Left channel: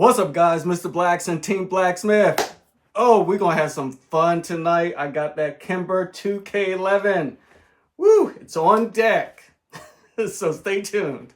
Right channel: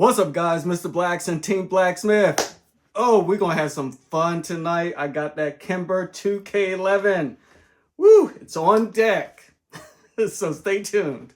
What's up, guys? Mr. Blacks and Team BlackSmith. Oh, we're going to have some fun tonight. I got that Kimber 2K11. Woo, it's on deck. So stay tuned.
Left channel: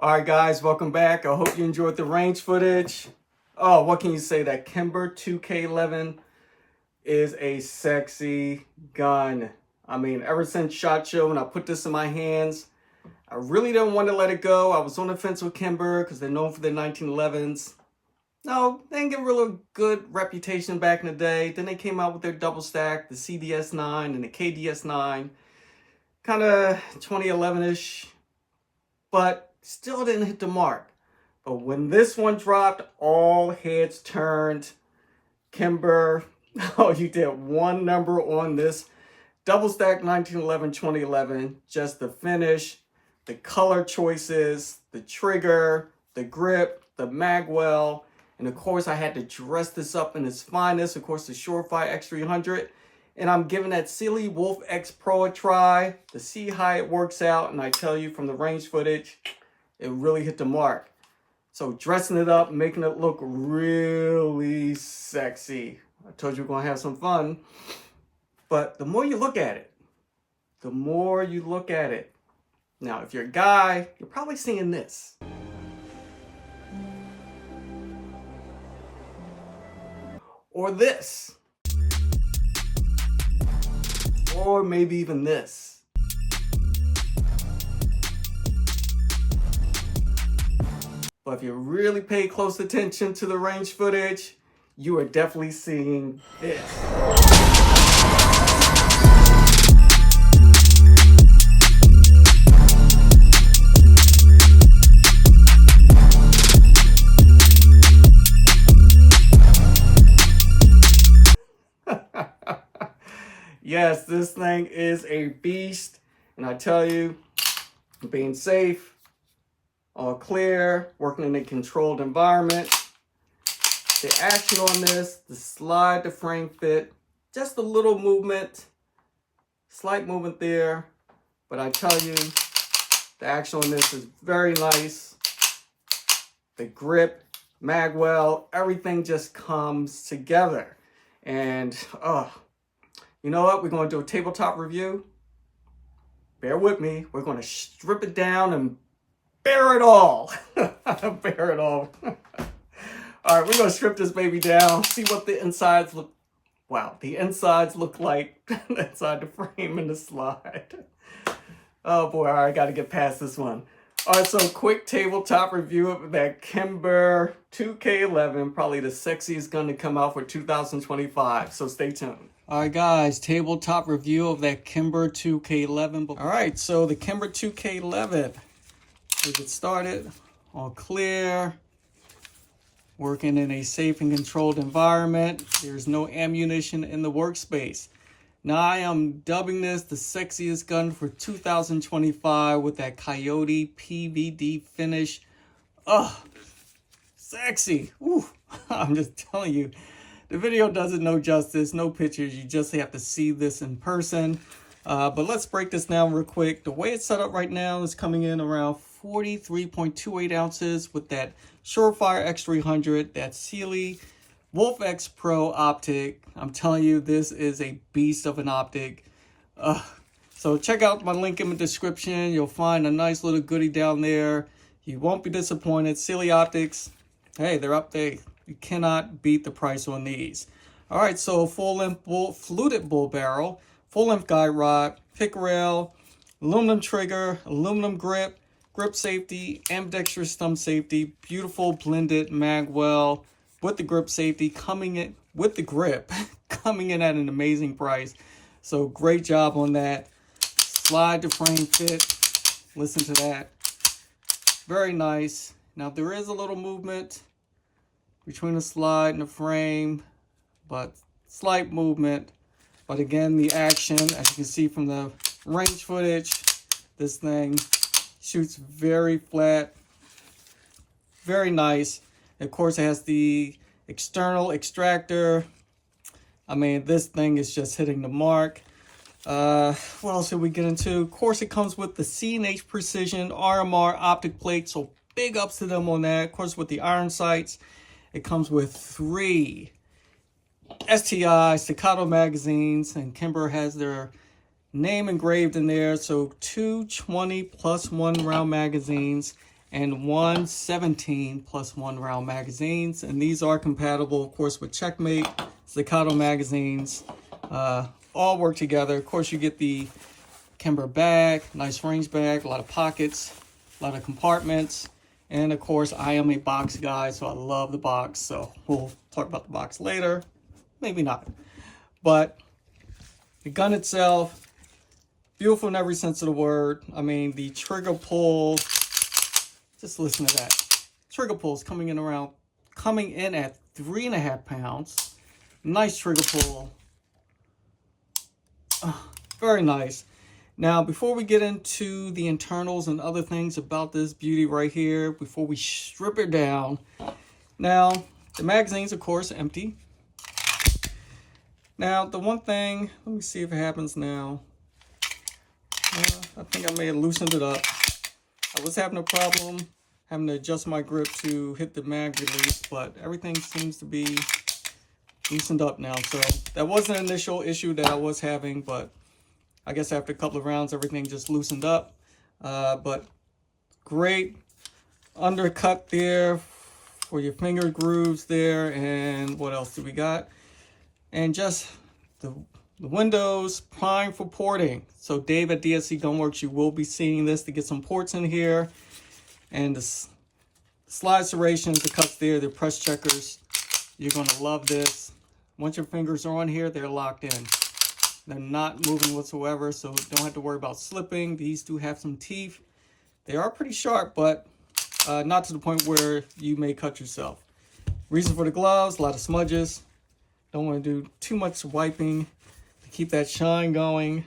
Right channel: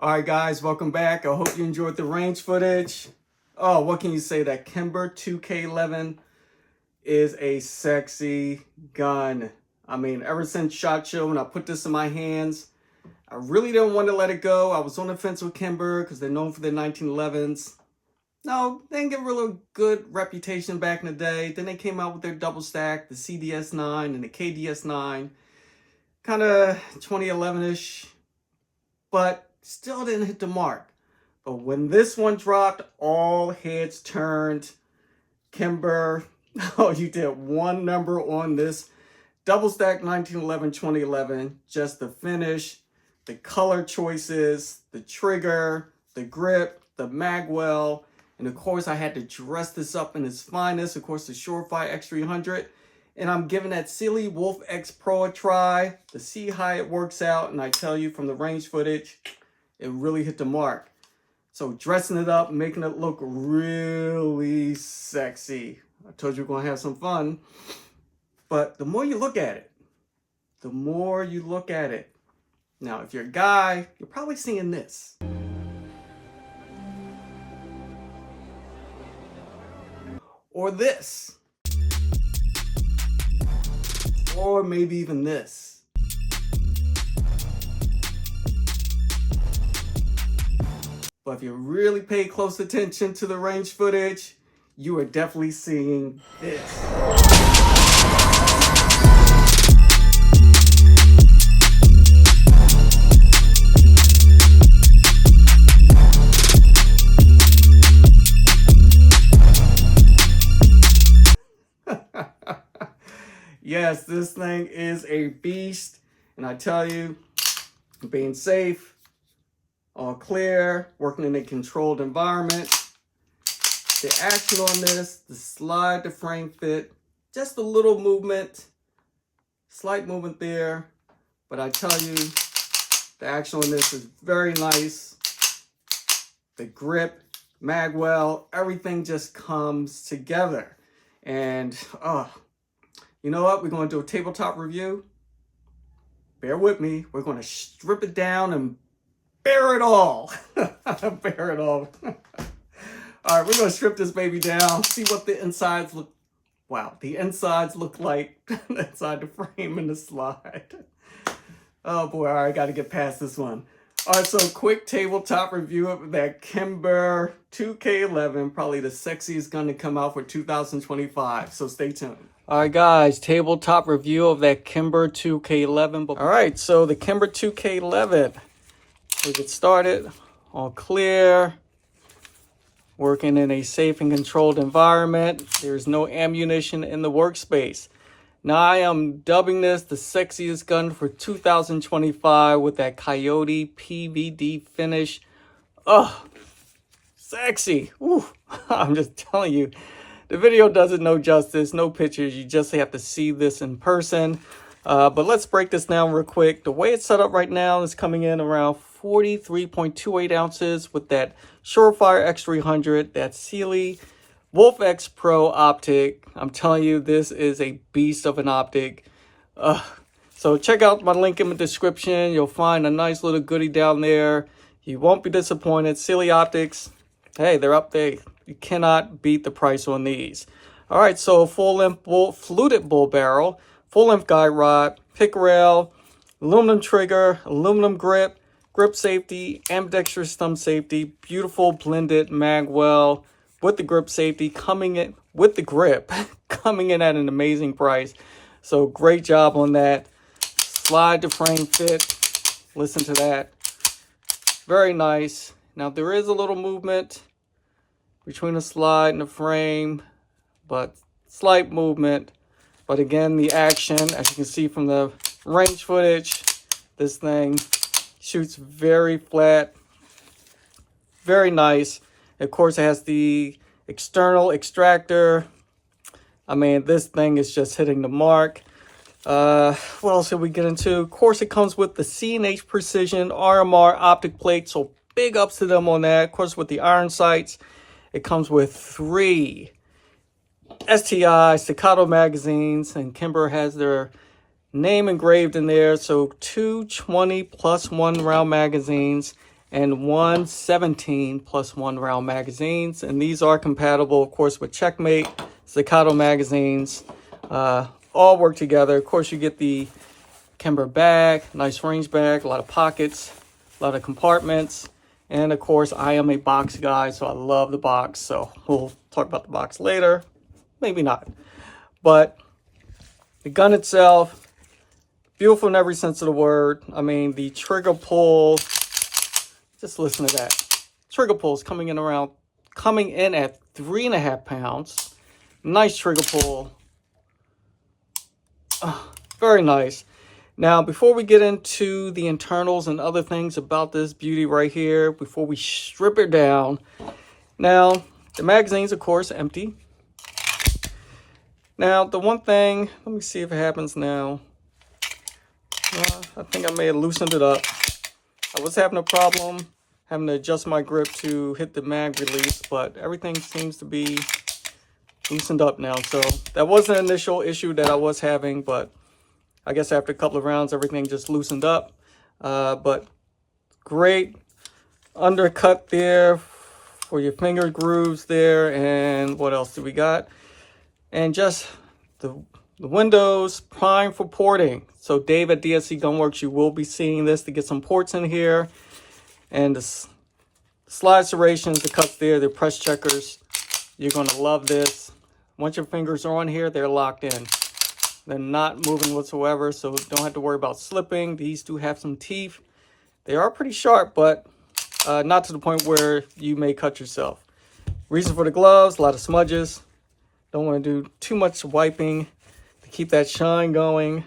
All right, guys, welcome back. I hope you enjoyed the range footage. Oh, what can you say? That Kimber 2K11 is a sexy gun. I mean, ever since SHOT Show, when I put this in my hands, I really didn't want to let it go. I was on the fence with Kimber because they're known for their 1911s. No, they didn't get a really good reputation back in the day. Then they came out with their double stack, the CDS9 and the KDS9. Kind of 2011-ish, but still didn't hit the mark. But when this one dropped, all heads turned. Kimber, oh, you did one number on this double stack 1911-2011. Just the finish, the color choices, the trigger, the grip, the magwell. And of course, I had to dress this up in its finest. Of course, the Surefire X300. And I'm giving that silly Wolf X Pro a try to see how it works out. And I tell you, from the range footage, it really hit the mark. So dressing it up, making it look really sexy. I told you we're going to have some fun. But the more you look at it, the more you look at it. Now, if you're a guy, you're probably seeing this. Or this. Or maybe even this. But if you really pay close attention to the range footage, you are definitely seeing this. Yes, this thing is a beast. And I tell you, being safe, all clear, working in a controlled environment. The action on this, the slide, the frame fit, just a little movement, slight movement there. But I tell you, the action on this is very nice. The grip, magwell, everything just comes together. And, you know what? We're going to do a tabletop review. Bear with me. We're going to strip it down and bear it all. Bear it all. All right, we're going to strip this baby down, see what the insides look. Wow, the insides look like inside the frame and the slide. Oh boy, all right, I got to get past this one. All right, so quick tabletop review of that Kimber 2K11, probably the sexiest gun to come out for 2025. So stay tuned. All right, guys, tabletop review of that Kimber 2K11. All right, so the Kimber 2K11. We get started, all clear, working in a safe and controlled environment. There's no ammunition in the workspace. Now I am dubbing this the sexiest gun for 2025 with that Coyote PVD finish. Oh, sexy. Ooh, I'm just telling you, the video does it no justice, no pictures. You just have to see this in person. But let's break this down real quick. The way it's set up right now is coming in around 43.28 ounces with that Surefire X300, that Sealy Wolf X Pro optic. I'm telling you, this is a beast of an optic. So check out my link in the description. You'll find a nice little goodie down there. You won't be disappointed. Sealy optics, hey, they're up there. You cannot beat the price on these. All right, so full-length fluted bull barrel, full-length guide rod, pick rail, Aluminum trigger, aluminum grip, grip safety, ambidextrous thumb safety, beautiful blended magwell with the grip safety coming in with the grip coming in at an amazing price. So great job on that. Slide to frame fit. Listen to that. Very nice. Now there is a little movement between the slide and the frame, but slight movement. But again, the action, as you can see from the range footage, this thing shoots very flat, very nice. Of course, it has the external extractor. I mean, this thing is just hitting the mark. What else did we get into? Of course, it comes with the C&H Precision RMR optic plate, so big ups to them on that. Of course, with the iron sights, it comes with 3 STI staccato magazines, and Kimber has their name engraved in there. So 2 20+1 round magazines and 1 17+1 round magazines, and these are compatible, of course, with Checkmate staccato magazines. All work together. Of course, you get the Kimber bag, nice range bag, a lot of pockets, a lot of compartments, and of course, I am a box guy, so I love the box. So we'll talk about the box later, maybe not, but the gun itself, beautiful in every sense of the word. I mean, the trigger pull, just listen to that. Trigger pull is coming in at 3.5 pounds. Nice trigger pull. Very nice. Now, before we get into the internals and other things about this beauty right here, before we strip it down, now, the magazine's, of course, empty. Now, the one thing, let me see if it happens now. I think I may have loosened it up. I was having a problem having to adjust my grip to hit the mag release, but everything seems to be loosened up now. So that was an initial issue that I was having, but I guess after a couple of rounds, everything just loosened up. But great undercut there for your finger grooves there. And what else do we got? And just the windows prime for porting. So Dave at DSC Gunworks, you will be seeing this to get some ports in here. And the slide serrations, the cuts there, the press checkers. You're going to love this. Once your fingers are on here, they're locked in. They're not moving whatsoever, so don't have to worry about slipping. These do have some teeth. They are pretty sharp, but not to the point where you may cut yourself. Reason for the gloves, a lot of smudges. Don't want to do too much wiping to keep that shine going.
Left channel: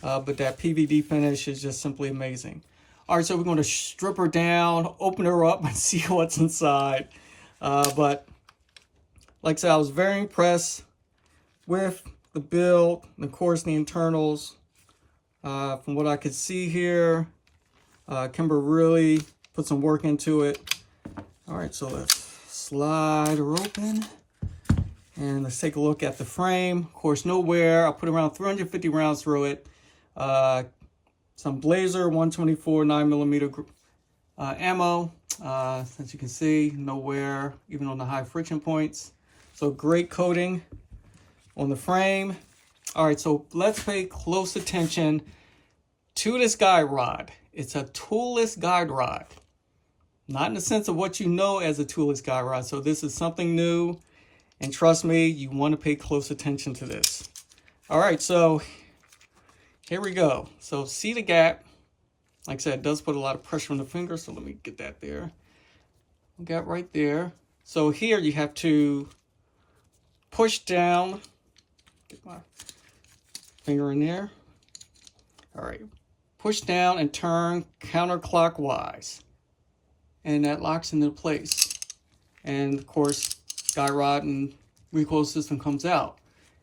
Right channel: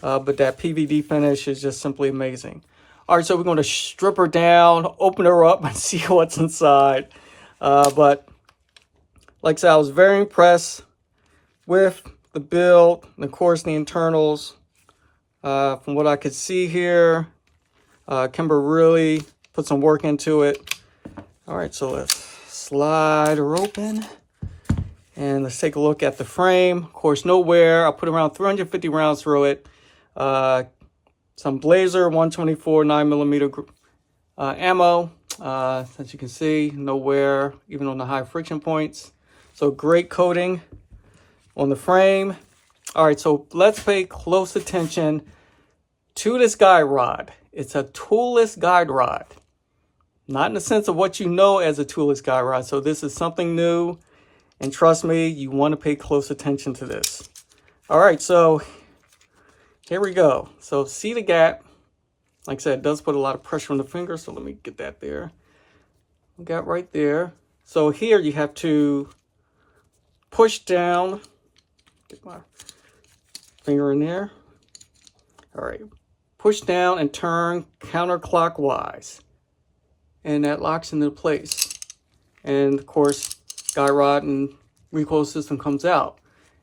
But that PVD finish is just simply amazing. All right, so we're going to strip her down, open her up, and see what's inside. But like I said, I was very impressed with the build, and of course the internals. From what I could see here, Kimber really put some work into it. All right, so let's slide her open. And let's take a look at the frame. Of course, no wear. I put around 350 rounds through it. Some Blazer 124 9mm ammo. As you can see, no wear, even on the high friction points. So great coating on the frame. All right, so let's pay close attention to this guide rod. It's a toolless guide rod. Not in the sense of what you know as a toolless guide rod. So this is something new. And trust me, you want to pay close attention to this. All right, so here we go. So see the gap. Like I said, it does put a lot of pressure on the finger. So let me get that there. Got right there. So here you have to push down. Get my finger in there. All right. Push down and turn counterclockwise. And that locks into place. And of course, guide rod and recoil system comes out.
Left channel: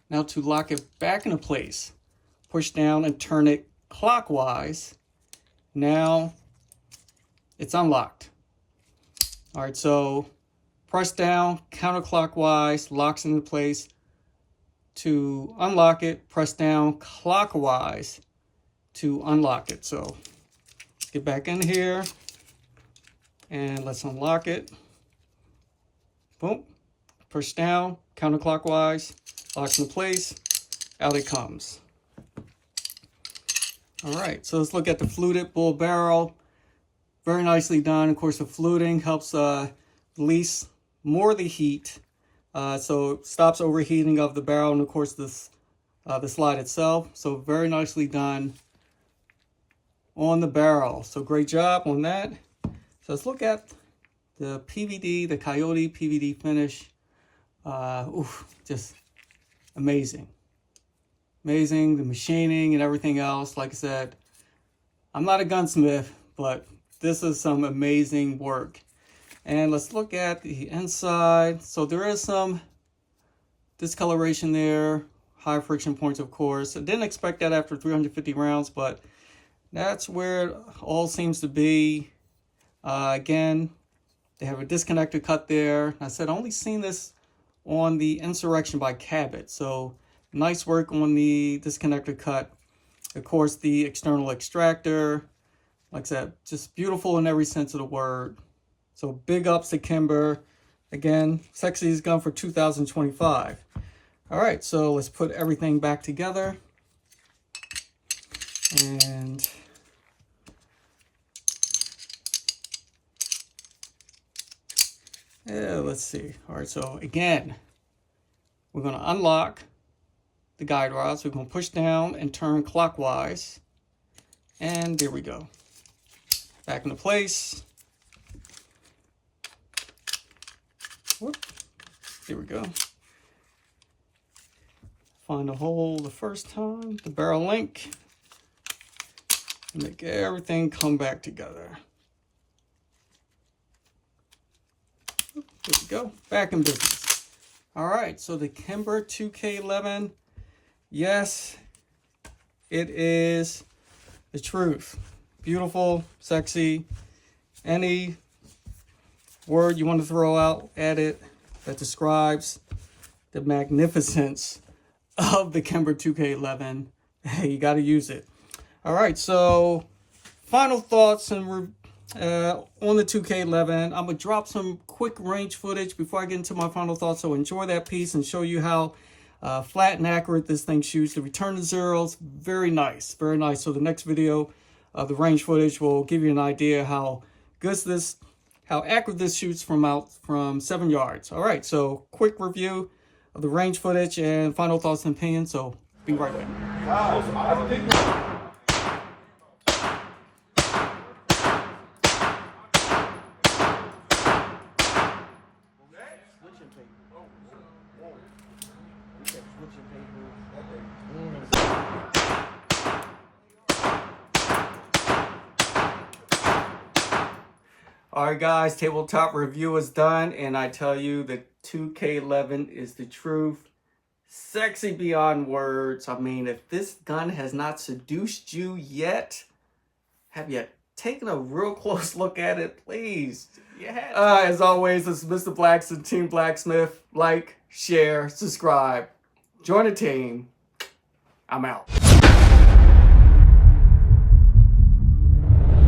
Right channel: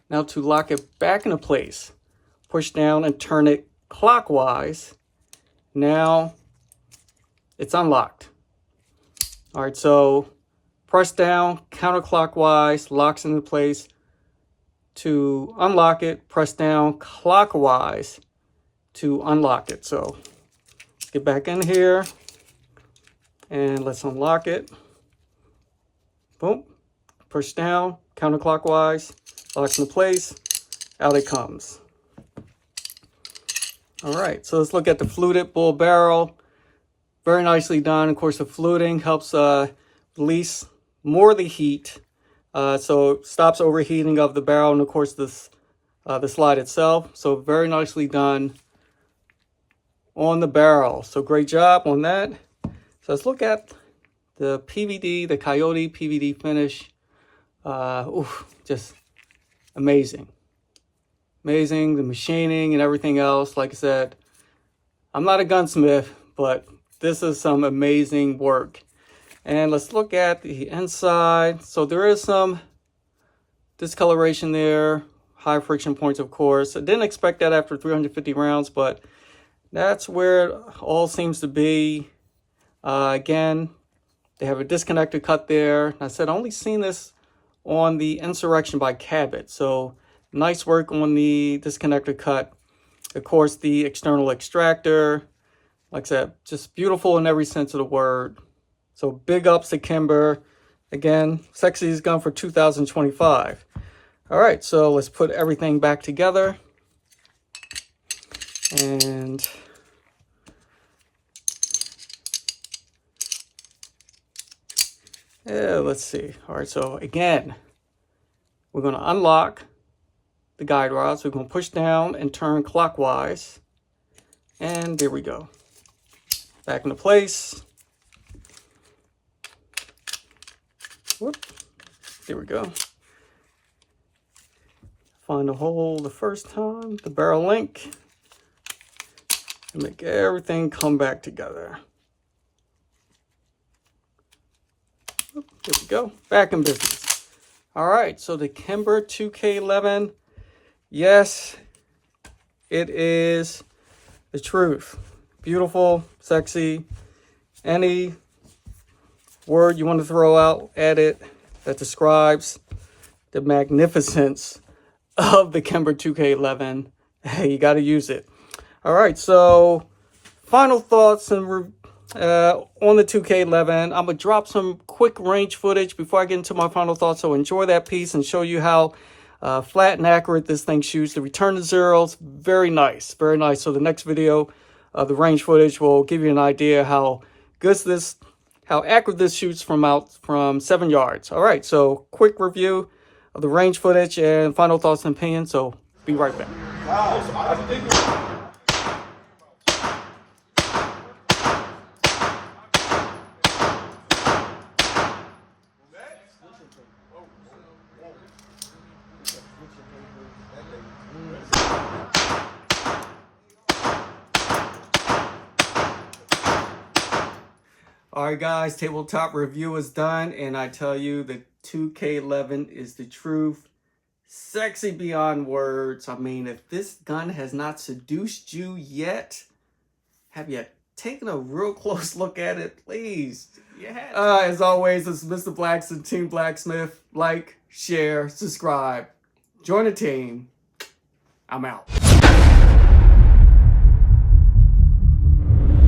Now to lock it back into place, push down and turn it clockwise. Now it's unlocked. All right, so press down counterclockwise, locks into place. To unlock it, press down clockwise to unlock it. So get back in here and let's unlock it. Boom. Push down, counterclockwise, locks into place, out it comes. All right, so let's look at the fluted bull barrel. Very nicely done. Of course, the fluting helps release more of the heat, so it stops overheating of the barrel, and of course the slide itself. So very nicely done on the barrel. So great job on that. So let's look at the PVD, the Coyote PVD finish. Just amazing. Amazing, the machining and everything else. Like I said, I'm not a gunsmith, but this is some amazing work. And let's look at the inside. So there is some discoloration there, high friction points, of course. I didn't expect that after 350 rounds, but that's where it all seems to be. Again, they have a disconnected cut there. I said I only seen this on the Insurrection by Cabot. So nice work on the disconnected cut. Of course, the external extractor, like I said, just beautiful in every sense of the word. So big ups to Kimber. Again, sexiest gun for 2025. All right, so let's put everything back together. And yeah, let's see. All right, so again, we're going to unlock the guide rods. We're going to push down and turn clockwise. And there we go. Back into place. Whoop. There we go. Find a hole the first time, the barrel link, and make everything come back together. There we go. Back in business. All right, so the Kimber 2K11. Yes, it is the truth. Beautiful, sexy. Any word you want to throw out at it that describes the magnificence of the Kimber 2K11, hey, you got to use it. All right, so final thoughts and on the 2K11. I'm going to drop some quick range footage before I get into my final thoughts, so enjoy that piece and show you how flat and accurate this thing shoots. The return to zeros, very nice, very nice. So the next video, the range footage will give you an idea how accurate this shoots from 7 yards. All right, so quick review of the range footage and final thoughts and opinions. So be right back. All right, guys, tabletop review is done, and I tell you, the 2K11 is the truth. Sexy beyond words. I mean, if this gun has not seduced you yet, have you taken a real close look at it? Please. Yeah. As always, this is Mr. BlackSmith, Team BlackSmith. Like, share, subscribe. Join the team. I'm out.